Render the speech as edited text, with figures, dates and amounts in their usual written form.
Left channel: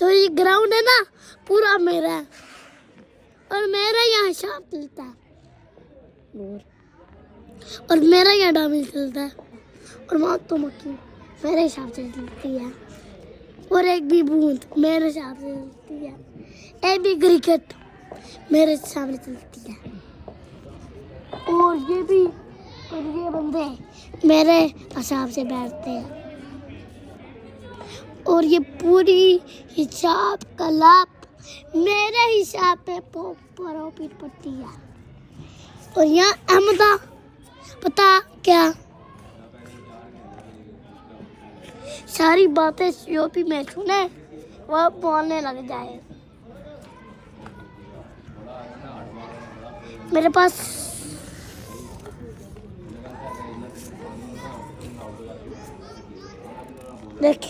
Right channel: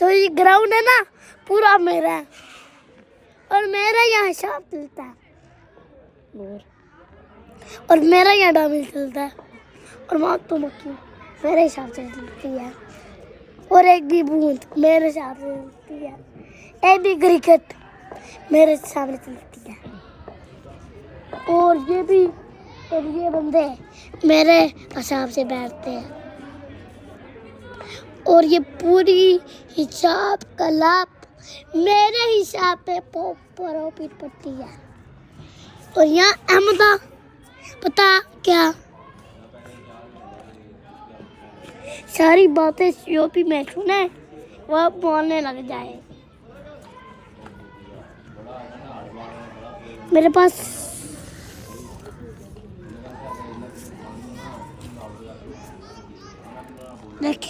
तो ये ग्राउंड है ना पूरा मेरा है और मेरा यहाँ हिसाब चलता है और मेरा यहाँ डामिल चलता है और मौत तो मक्खी मेरे हिसाब से चलती है और एक भी बूंद मेरे हिसाब से चलती है एक भी क्रिकेट मेरे सामने चलती है और ये भी और ये बंदे मेरे हिसाब से बैठते हैं और ये पूरी हिसाब कलाप मेरे हिसाब पे प्रॉफिट पड़ती है और यहाँ अहमदा पता क्या सारी बातें सीओपी में सुने वह बोलने लग जाए मेरे पास देख